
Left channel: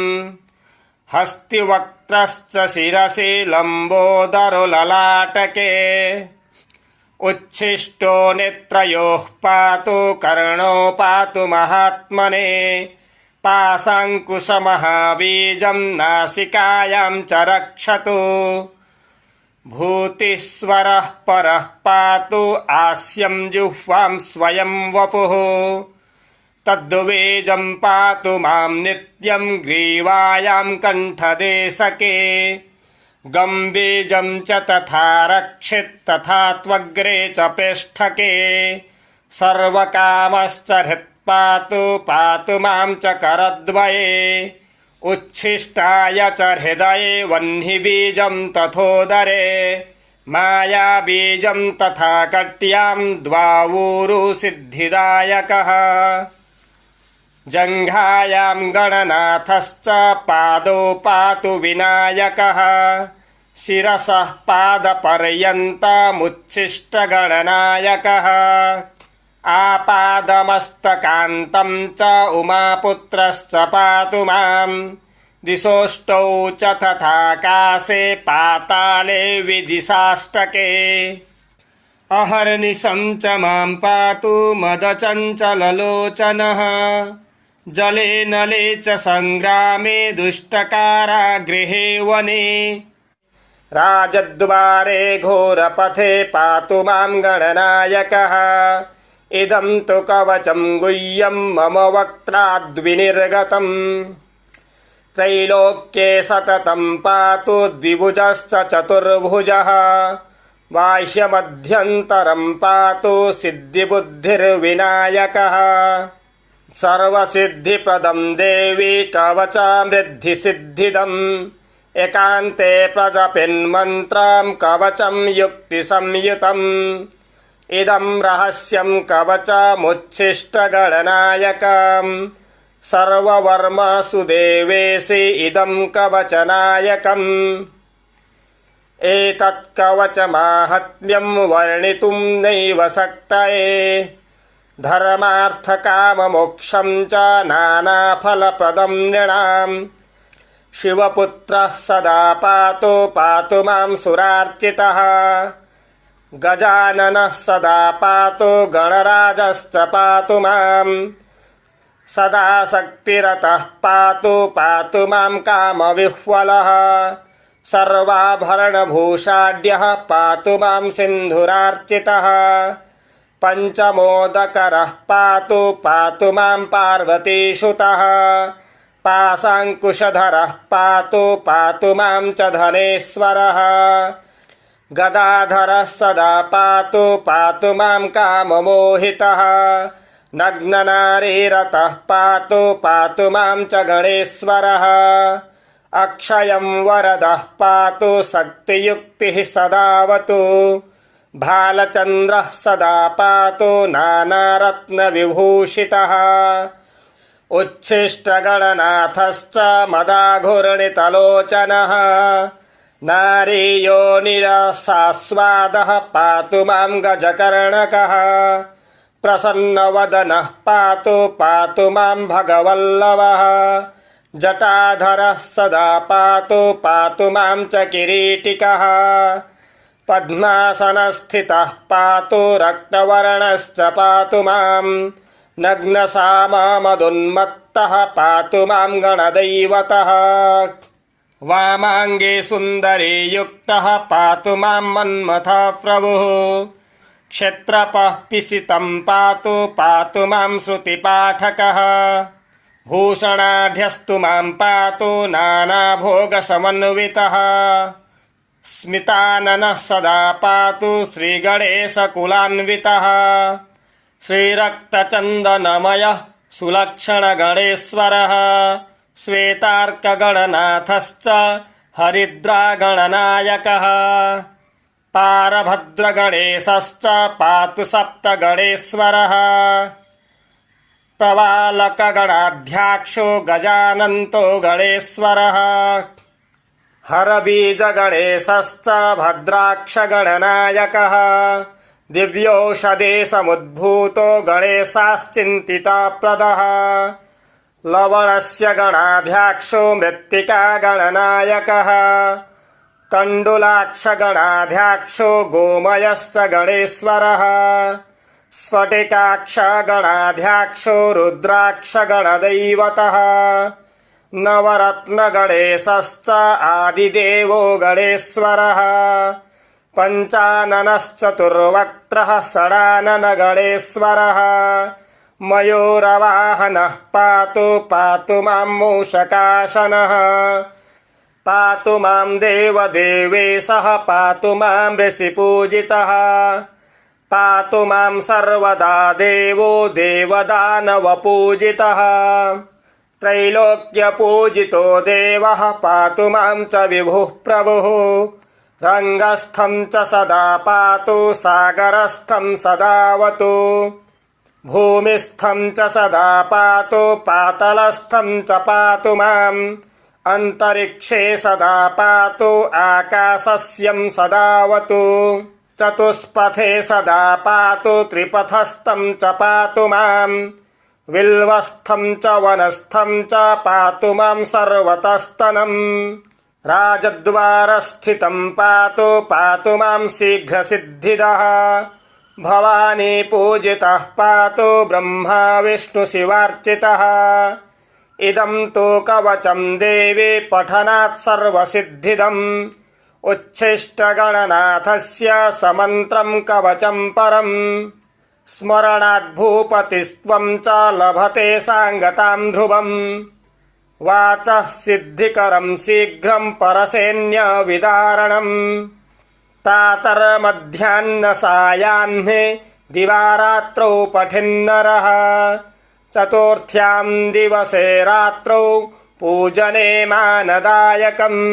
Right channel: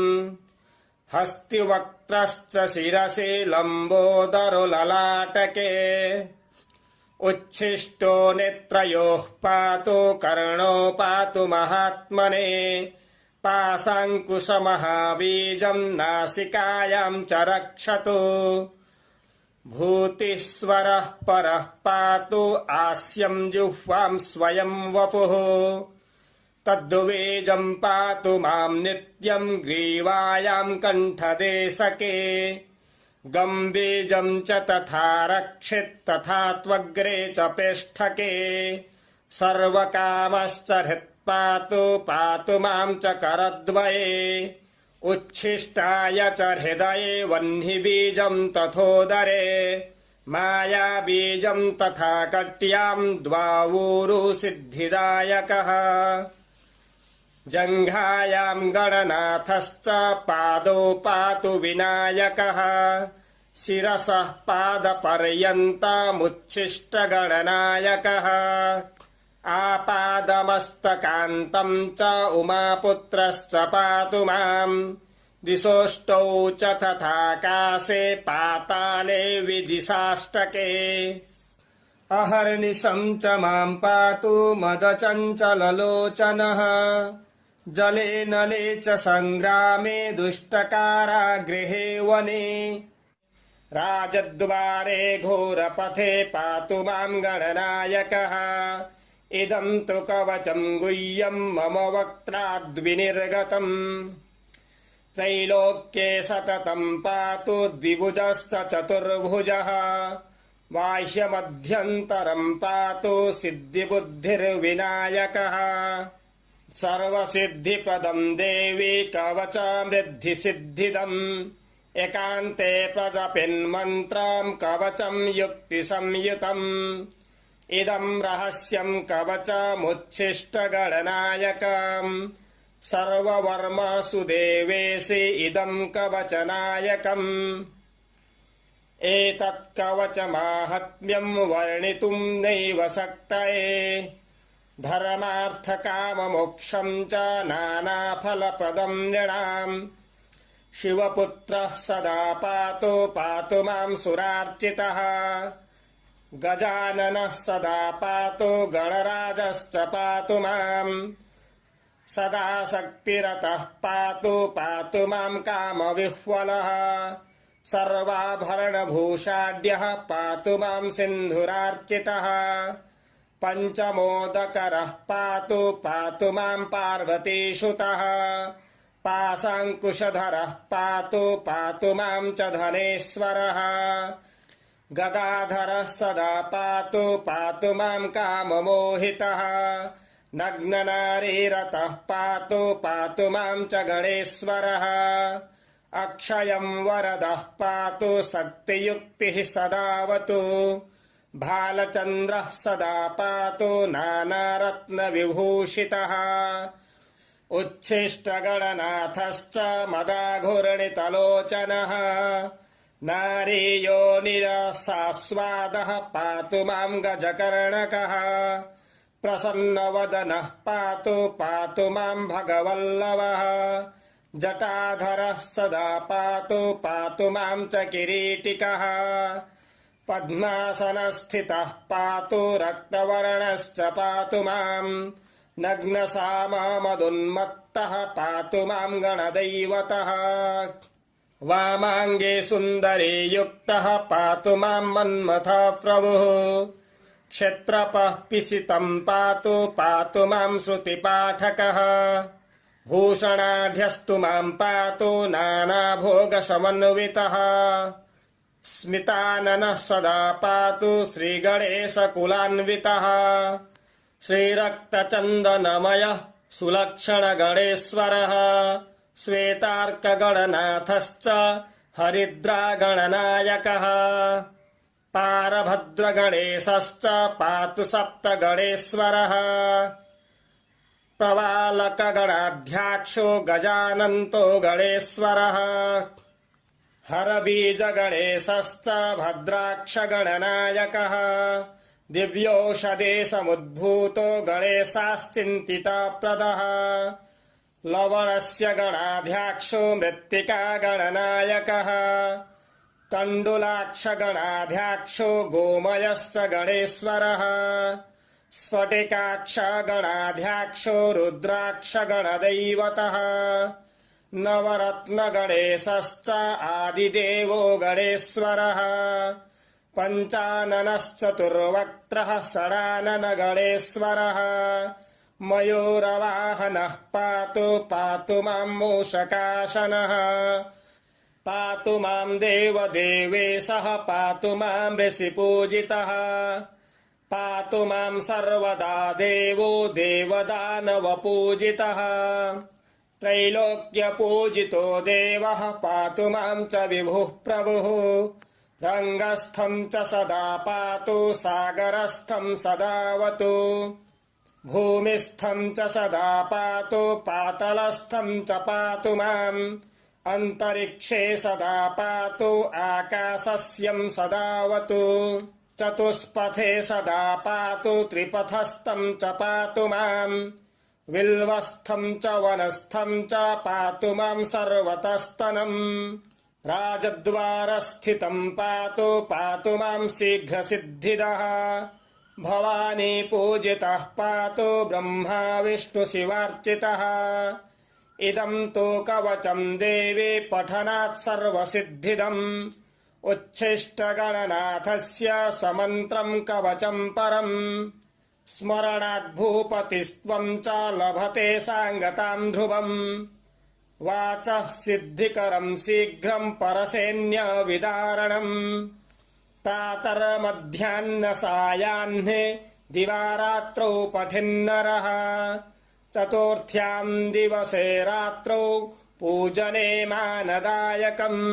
हस्तिवक्त्रश्च शिरसि लम्बोदरो ललाटके उच्छिष्टो नेत्रयोः पातु कर्णो पातु महात्मने पाशाङ्कुशमहाबीजं नासिकायां च रक्षतु भूतिस्वरः परः पातु आस्यं जिह्वां स्वयं वपुः तद्बीजं पातु मां नित्यं ग्रीवायां कण्ठदेशके गम्बीजं च तथा रक्षित् तथा त्वग्रे च पेष्ठके सर्वकामश्च हृत्पातु पातु मां च करद्वये उच्छिष्टाय च हृदये वह्निबीजं तथोदरे मायाबीजं तथा कट्यां द्वावूरु सिद्धिदायकः जङ्घायां गणनाथश्च पादौ पातु विनायकः शिरसः पादपर्यन्तमुच्छिष्टगणनायकः आपादमस्तकान्तं च उमापुत्रश्च पातु मां दिशोष्टौ च तथाकाशे पाताले विदिशाष्टके अहर्निशं च मां पातु मदचञ्चललोचनः जले नले च सङ्ग्रामे दुष्टकारागृहे वने राजद्वारे घोरपथे पातु मां गणनायकः इदं तु कवचं गुह्यं मम वक्त्राद्विनिर्गतम् त्रैलोक्ये सततं पातु द्विभुजश्च चतुर्भुजः बाह्यमध्यन्तरं पातु सिद्धिबुद्धिर्विनायकः सर्वसिद्धिप्रदं देवी कवचामृद्धिसिद्धिदम् एकान्ते प्रजपिन्मन्त्रं कवचं युक्तिसंयुतम् इदं रहस्यं कवचमुच्छिष्टगणनायकम् सर्ववर्मसु देवेशि इदं कवचनायकम् एतत् कवचमाहात्म्यं वर्णितुं नैव शक्तये धर्मार्थकाममोक्षं च नानाफलप्रदं नृणाम् शिवपुत्रः सदा पातु मां सुरार्चितः गजाननः सदा पातु गणराजश्च पातु मां सदा शक्तिरतः पातु मां कामविह्वलः सर्वाभरणभूषाढ्यः पातु मां सिन्धुरार्चितः पञ्चमोदकरः पातु पातु मां पार्वतीसुतः पाशाङ्कुशधरः पातु पातु मां च धनेश्वरः गदाधरः सदा पातु पातु मां काममोहितः नग्ननारीरतः पातु पातु मां च गणेश्वरः अक्षयं वरदः पातु शक्तियुक्तिः सदावतु भालचन्द्रः सदा पातु नानारत्नविभूषितः उच्छिष्टगणनाथश्च मदाघूर्णितलोचनः नारीयोनिरसास्वादः पातु मां गजकर्णकः प्रसन्नवदनः पातु पातु मां भगवल्लभः जटाधरः सदा पातु पातु मां च किरीटिकः पद्मासनस्थितः पातु रक्तवर्णश्च पातु मां नग्नसामामदुन्मत्तः पातु मां गणदैवतः वामाङ्गे सुन्दरी युक्तः पातु मां मन्मथः प्रभुः क्षत्रपः पिसितं पातु पातु मां श्रुतिपाठकः भूषणाढ्यस्तु मां पातु नानाभोगसमन्वितः स्मिताननः सदा पातु श्रीगणेशकुलान्वितः श्रीरक्तचन्दनमयः सुलक्षणगणेश्वरः श्वेतार्कगणनाथश्च हरिद्रागणनायकः पारभद्रगणेशश्च पातु सप्तगणेश्वरः प्रवालकगणाध्यक्षो गजानन्तो गणेश्वरः हरबीजगणेशश्च भद्राक्षगणनायकः दिव्यौषधे समुद्भूतो गणेशाश्चिन्तिताप्रदः लवणस्य गणाध्यक्षो मृत्तिकागणनायकः तण्डुलाक्षगणाध्यक्षो गोमयश्च गणेश्वरः स्फटिकाक्षगणाध्यक्षो रुद्राक्षगणदैवतः नवरत्नगणेशश्च आदिदेवो गणेश्वरः पञ्चाननश्चतुर्वक्त्रः षडाननगणेश्वरः मयूरवाहनः पातु पातु मां मूषकासनः पातु मां देवदेवेशः पातु मां ऋषिपूजितः पातु मां सर्वदा देवो देवदानवपूजितः त्रैलोक्यपूजितो देवः पातु मां च विभुः प्रभुः रङ्गस्थं च सदा पातु सागरस्थं सदावतु भूमिस्थं च सदा पातु पातलस्थं च पातु माम् अन्तरिक्षे सदा पातु आकाशस्यं सदावतु चतुष्पथे सदा पातु त्रिपथस्थं च पातु माम् विल्वस्थं च वनस्थं च पातु मां सर्वतस्तनम् राजद्वारस्थितं पातु पातु मां शीघ्रसिद्धिदः भवानी पूजितः पातु ब्रह्मा विष्णुशिवार्चितः इदं तु कवचं देवी पठनात् सर्वसिद्धिदम् उच्छिष्टगणनाथस्य समन्त्रं कवचं परम् स्मरणात् भूपतिस्त्वं च लभते साङ्गतां ध्रुवम् वाचः सिद्धिकरं शीघ्रं परसैन्यविदारणम् प्रातर्मध्याह्नसायाह्ने दिवारात्रौ पठिन्नरः चतुर्थ्यां दिवसे रात्रौ पूजने मानदायकम्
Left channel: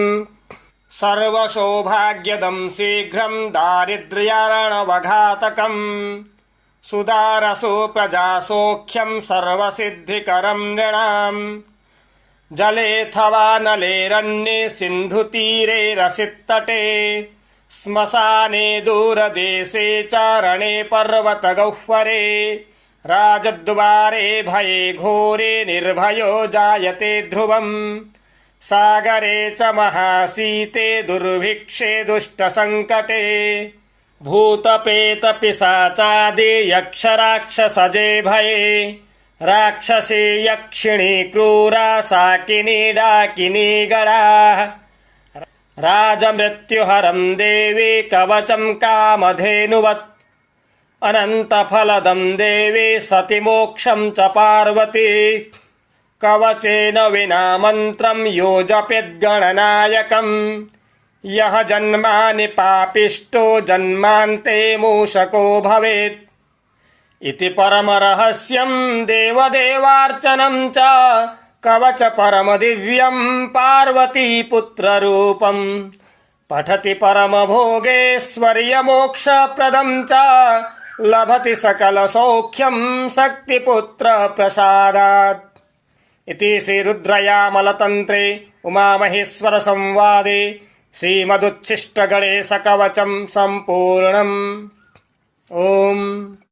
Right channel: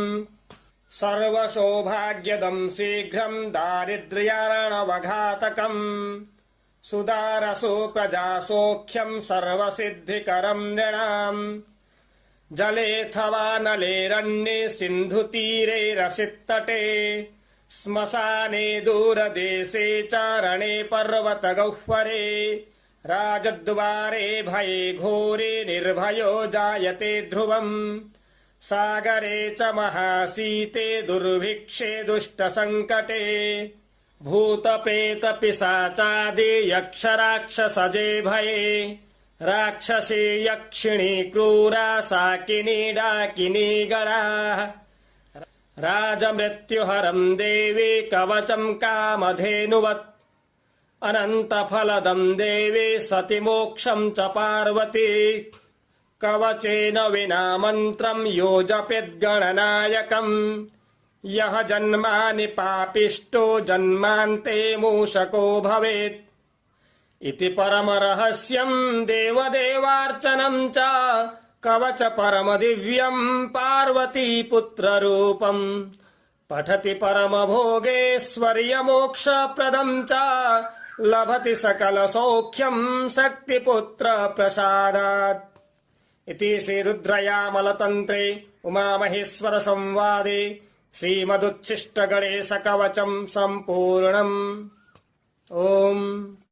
सर्वसौभाग्यदं शीघ्रं दारिद्र्यार्णवघातकम् सुदारसु प्रजासौख्यं सर्वसिद्धिकरं नृणाम् जलेऽथवा नलेरण्ये सिन्धुतीरे रसितटे श्मशाने दूरदेशे चारणे पर्वतगह्वरे राजद्वारे भये घोरे निर्भयो जायते ध्रुवम् सागरे च महाशीते दुर्भिक्षे दुष्टसङ्कटे भूतपेतपिशाचादि यक्षराक्षसजे भये राक्षसी यक्षिणी क्रूरा साकिनी डाकिनी गणाः राजमृत्युहरं देवी कवचं कामधेनुवत् अनन्तफलदं देवी सति मोक्षं च पार्वती कवचेन विना मन्त्रं यो जपेद्गणनायकम् यः जन्मानि पापिष्टो जन्मान्ते मूषको भवेत् इति परमरहस्यं देवदेवार्चनं च कवच परमदिव्यं पार्वतीपुत्ररूपम् पठति परमभोगेश्वर्यमोक्षप्रदं च लभति सकलसौख्यं शक्तिपुत्रप्रसादात् इति श्रीरुद्रयामलतन्त्रे उमामहेश्वरसंवादे श्रीमदुच्छिष्टगणेशकवचं सम्पूर्णम्। ओम्।